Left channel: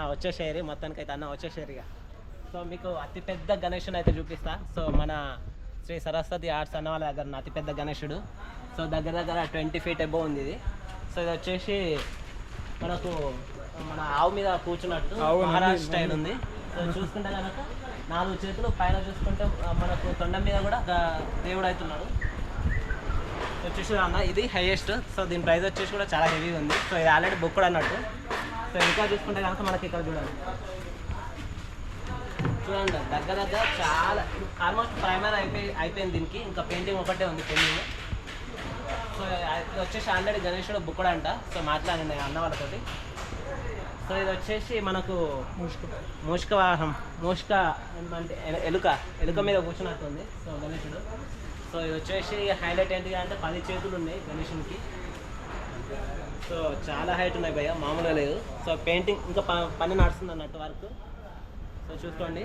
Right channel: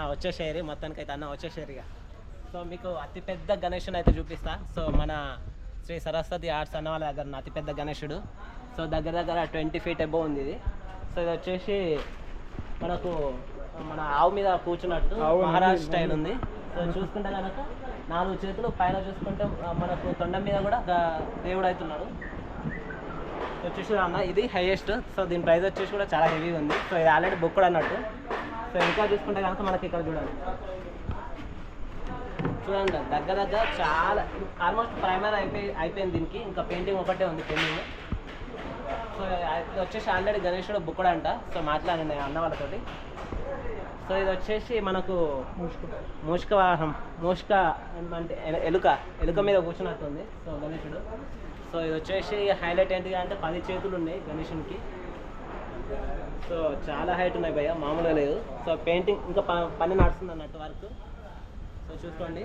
అన్న వచ్చేసేరి మొత్తానికి అయితే అన్న వచ్చేసేరిగా. సో మీకు అతిపెద్ద గణేషుని అయితే చూపిస్తా. సో మన శ్రీ సరస్వతి ఆర్ట్స్ అన్న వాళ్ళ దగ్గర అతిపెద్ద గణేషుడు. సో దగ్గర దగ్గర 20 feet అబోవ్ ఉంది ఇది. సో ఇది వచ్చేసి మనకు మన ఆవు మీద కూర్చున్నట్టు మహారాజ్ స్టైల్ ఉంది. సో చూసుకుంటే కనుక 4 చేతులు పైన చూసుకుంటే మనకు తొండం మీద కూడా దేవుడు అవుతున్నాడు. సో వచ్చేసి అన్న ఇది హైయెస్ట్. సో దీని ప్రైస్ వచ్చేసి కూడా చాలా హెవీగా ఉంది. సో ఇది ఆల్రెడీ బుక్ అన్నట్టు. సో ఇంకా చూసుకుంటే కనుక మనకి ఇక్కడ చూడండి దగ్గర దగ్గర చాలా ఆల్మోస్ట్ ప్రైమర్ అయిపోయింది దీనికి. ఇంకా పెయింటింగ్ ఒకటే ఉంది పెయింటింగ్. సో ఇది వచ్చేసి ఆల్రెడీ గణేషుడు బుక్కుడు అంట. సో మాట్లాడింది అన్న వాళ్ళతోటి. సో ఇది వచ్చేసి మనకు మూషిక వాహనం, మూషిక అంటే ఎలుక మీద కూర్చున్నట్టుంది. సో గణేషుడు. సో ఇది వచ్చేసి హైలైట్ ఏంటి అంటే 10 చేతులు ఉన్నాయి గణేషునికి. సో చాలా హైట్ ఉన్నాయి భయ్య, మామూలుగా లేదు. సో పెయింటింగ్ ఇంకా పని నడుస్తుంది అన్నట్టు వర్క్. సో చూసుకోండి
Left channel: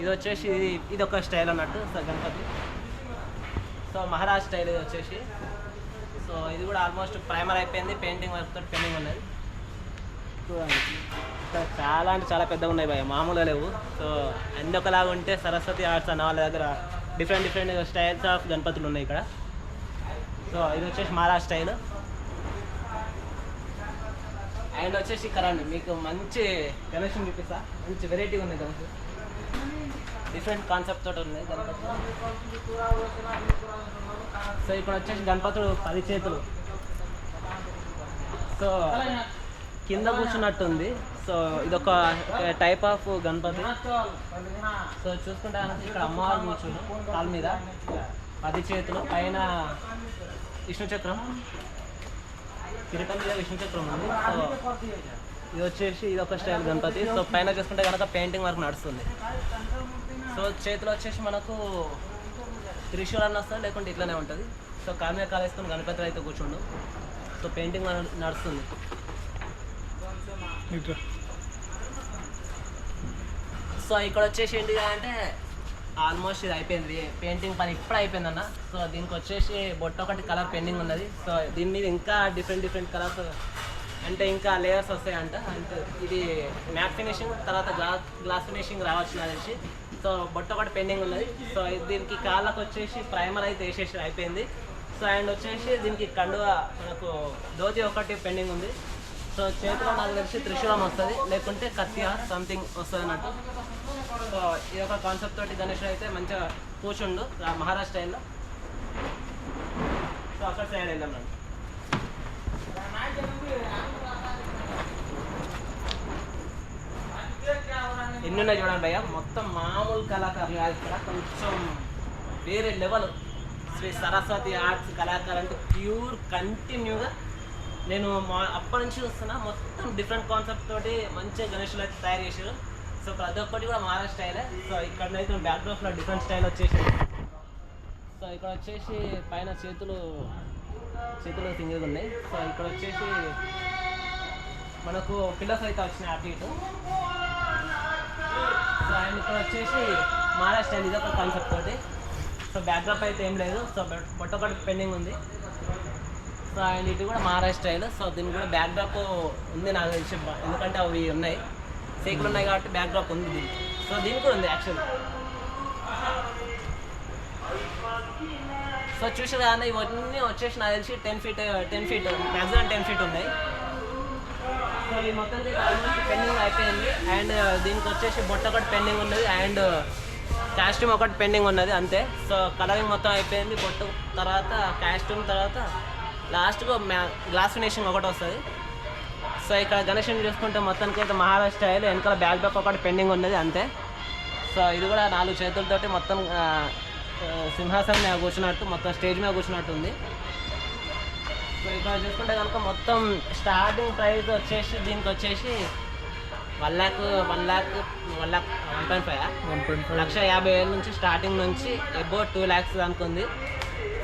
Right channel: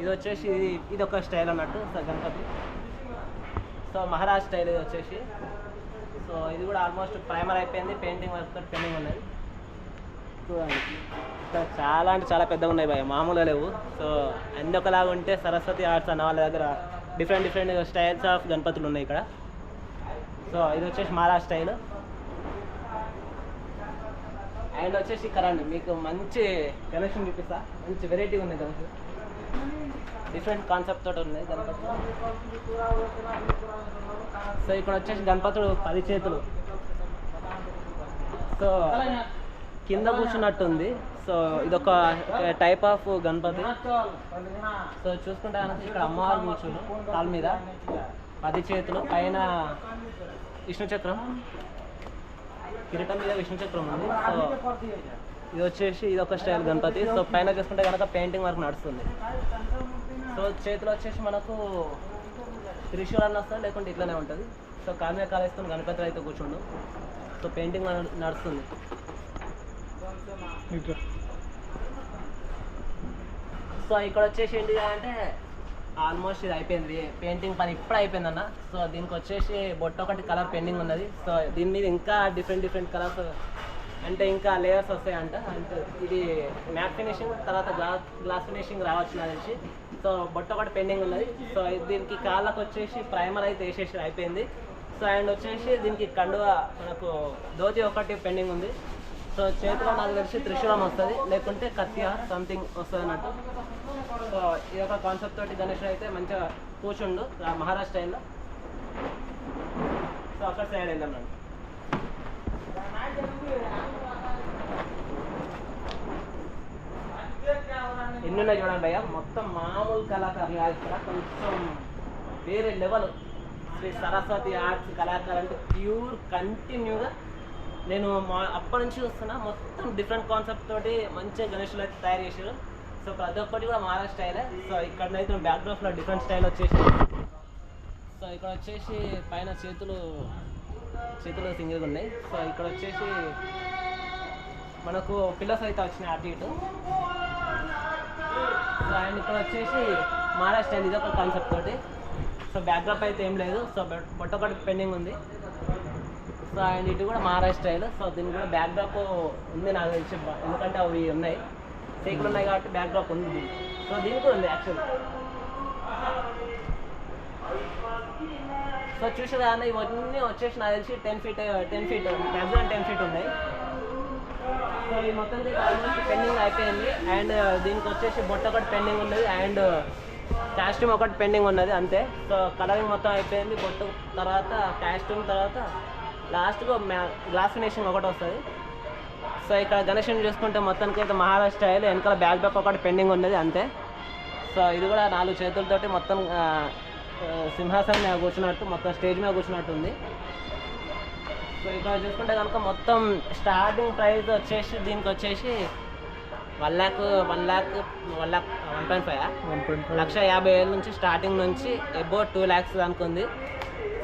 ఇది వచ్చేసి ఇది ఒక స్టైల్ అన్నట్టు. So Ganapati so Maharaj style ఇది వచ్చేసి. సో ఇది కూడా ఆల్మోస్ట్ ప్రైమర్ అయిపోయింది, పెయింటింగ్ వర్క్ తోటి పెయింటింగ్ ఉన్నది. చూడండి చాలా అంటే చాలా పెద్దగా ఉన్నాయి భయ్య, మామూలుగా లేవు. సో అన్ని ఒకలాగా ఉంటే సరస్వతి ఆర్ట్స్ అన్న వాళ్ళ దగ్గర డిఫరెంట్ స్టైల్స్ ఆఫ్ గణపతులు ఉన్నాయి ఇక్కడ. సో ఇది వచ్చేసి మహారాజ్ స్టైల్. అండ్ వచ్చేసి ఇక్కడ మీకు మంచి గణేష్ చూపిస్తా. మంచి వెరైటీ ఉంది గణేష్, డిఫరెంట్ కాన్సెప్ట్ తోటి ఉంది గణపతి. సో ఇక్కడ వచ్చేసి గణపతుడు 10 చేతులు. సో కింద కూర్చున్నట్టుంది. సో ఇదొక టైప్ ఆఫ్ గణపతి. సో చూసుకుంటే ఇక్కడ అమ్మవారు కూర్చుని కాలు మీద 10 చేతులు, పైన విష్ణుచక్రం, కిరీటం మీద విష్ణుచక్రం ఉంది. సో ఇది వచ్చేసి ఇది ఒక స్టైల్ గణపతి. సో పైన చూసుకుంటే కనుక పెయింటింగ్ వర్క్ నడుస్తుంది. సో చేతిలో వచ్చేసి మనకు త్రిశూల్ అన్న వస్తుంది, లేకుంటే ఇట్లానే ఉంటుంది. సో కాలు మీద కాలు వేసుకొని గణపతి అయితే కూర్చుండు. సో పెయింటింగ్ నడుస్తుంది. సో ఇక్కడ వచ్చేసి ఏంటి అంటే ఆల్మోస్ట్ ఇది అయిపోయింది, పెయింటింగ్ పని ఇప్పుడు అయిపోయింది అన్న. సో దీనికి వచ్చేసి బొట్ట ఒకటి కలర్ పెండింగ్ ఉన్నది. సో దీని మీద ఇంకా డిఫరెంట్ కలర్స్ అంటే ఇంకా లేయర్స్ వస్తాయంట. అంటే ఇది మ్యాట్ ఫినిషింగ్ తర్వాత గ్లాస్ ఫినిషింగ్ రావచ్చు నాకు తెలిసి. సో బొట్ట ఒకటి పెండింగ్ ఉన్నది. సో దీనికి కాళ్ళకు వచ్చేసి ప్రైమర్ అయితే వేసేసి అయిపోయింది. సో అండ్ వచ్చేసి దీనికి కండువ మనకు ధోతి ఒకటి పెండింగ్ ఉంది. సో చేతిలో నాకు తెలిసి త్రిశూలం వస్తుంది, లేకుంటే కత్తియ సంథింగ్ వస్తుంది అన్నట్టు. సో ఈ యొక్క కాన్సెప్ట్ తోటి గణేషుడు అయితే మంచిగా కూర్చుండు మహారాష్ట్ర స్టైల్లో. సో అక్కడ సైడ్ వెళ్దాం రండి. ఎన్ని ఉన్నాయి చూడండి భయ్య, మొత్తం మామూలు కళాకారులు కాదు ఇక్కడ, కొంచెం వేరే లెవెల్. శ్రీ సరస్వతి ఆర్ట్స్ కళాకారు అంటే ప్యూర్ కంటిన్యూగా నేను అప్పటి నుంచి చూస్తున్నా. మొత్తం డిఫరెంట్ కాన్సెప్ట్ తోటి మంచిగా గణేషులు అయితే తయారు చేశారు. సో ప్రతి ఒక్కటి కూడా మహారాష్ట్ర స్టైలే. సో ఇక్కడనైతే బ్యాక్డ్రాప్లో డిఫరెంట్ స్టైల్ వచ్చేసి. సో ఇక్కడ వచ్చేసి పైన చేతులు సింగిల్గా ఉన్నాయి. సో ఇక్కడ వచ్చేసి మనకు పిల్లర్స్ అయితే వచ్చినాయి అటు ఇటు. సో అండ్ ఇక్కడ వచ్చేసి మహారాష్ట్ర స్టైల్, ఇది ఒక కాన్సెప్ట్ తోటి. సో బ్యాక్డ్రాప్ అయితే ఏం లేదు. సో బొట్ట ఒకటి పెండింగ్ ఉంది. సో అండ్ ఇటు కూడా మహారాష్ట్ర స్టైల్. సో దీనికి కూడా బ్యాక్డ్రాప్ ఉంది నాకు తెలిసి, ఎందుకంటే అవి ఉన్నాయి సేకులు ఉన్నాయి కాబట్టి బ్యాక్డ్రాప్ ఉంది దీనికి. సో దీనికి కూడా ఉంది యాక్చువల్. సో చూసారు కానీ ఇవన్నీ వచ్చేసి నాకు తెలిసి 10 feet మ్యాక్సిమం 10 feet ఉన్నాయి. సో ఈ మొత్తం పెండింగ్ అయిపోయింది. అండ్ దీనికి వచ్చేసి బొట్ట ఒకటి పెండింగ్ ఉన్నది, అండ్ కాస్ట్యూమ్ ఒకటి పెండింగ్ ఉన్నది అంతే. సో కలరింగ్ మొత్తం అయిపోయింది. బొట్టు తర్వాత కాస్ట్యూమ్ తర్వాత లాస్ట్గా గ్లాస్ ఫినిషింగ్ ఒకటి వస్తుంది. సో ఇక్కడ గణేషుని చూసుకుంటే మొత్తానికి అయితే మహారాష్ట్ర స్టైల్, వెనకాల బ్యాక్ డ్రాప్ ఒకటి పెండింగ్ ఉన్నది అంతే. సో ఇది కూడా 4 చేతులతోటి మొత్తం సింహాసనం మీద కూర్చున్నట్టు, మొత్తం స్టేజ్ మీద కూర్చున్నట్టు ఉంది. సో ఇక్కడ చూసుకుంటే కనుక మొత్తం స్టార్టింగ్ ప్రైస్ వచ్చేసి దీనికి వచ్చేసి 1,50,000 నుంచి స్టార్టింగ్ నుంచి అబౌ 2 lakhs అనుకుంది.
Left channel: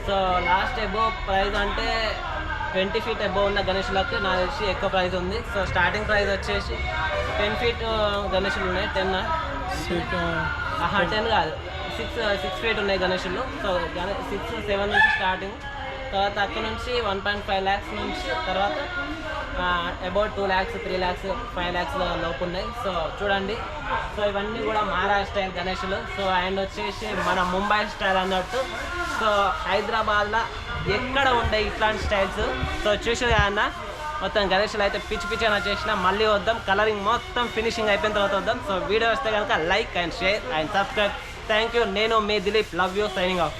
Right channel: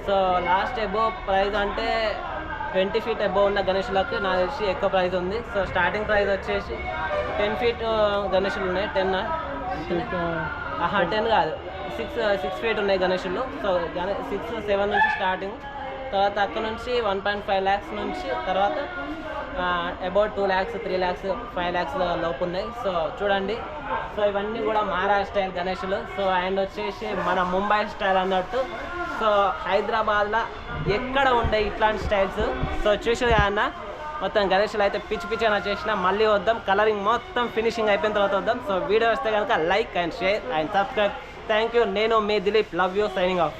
సో లాస్ట్ అబౌ ప్రైస్ అంటే 20 feet అబౌవ్ ఉన్న గణేషులకు నాకు తెలిసి ఎక్కువ ప్రైస్ ఉంది. సో స్టార్టింగ్ ప్రైస్ వచ్చేసి 10 feet గణేషులు ఉన్నాయి. 10 కాదు 6 feet ఉన్నాయి గణేషులు. సో 6, 7 నుంచి స్టార్టింగ్. తర్వాత అక్కడ నుంచి 1.5 lakhs నుంచి తర్వాత అబౌట్ 2 lakhs 3 lakhs 5 lakhs లోపు ఉన్నాయి. సో చూడండి, సో ఇవన్నీ కూడా మహారాష్ట్ర స్టైల్ గణేషులు. సో అండ్ వచ్చేసి మన ముంబై స్టైల్ అన్నట్టు. సో హైదరాబాద్లో ఎక్కడ ఉండే ఇట్లాంటి స్టైల్స్. సో చూసి అన్న మొత్తం గణేషులు అయితే పిచ్చి పిచ్చి అని వచ్చేసిన. మళ్ళీ వద్దాం, కలరింగ్ మొత్తం ఫినిషింగ్ అయిపోయిన తర్వాత వద్దాం. సో వీడియో వస్తే కనుక like and share and subscribe. Thank you. నేను మీ Dilip, love you, signing of.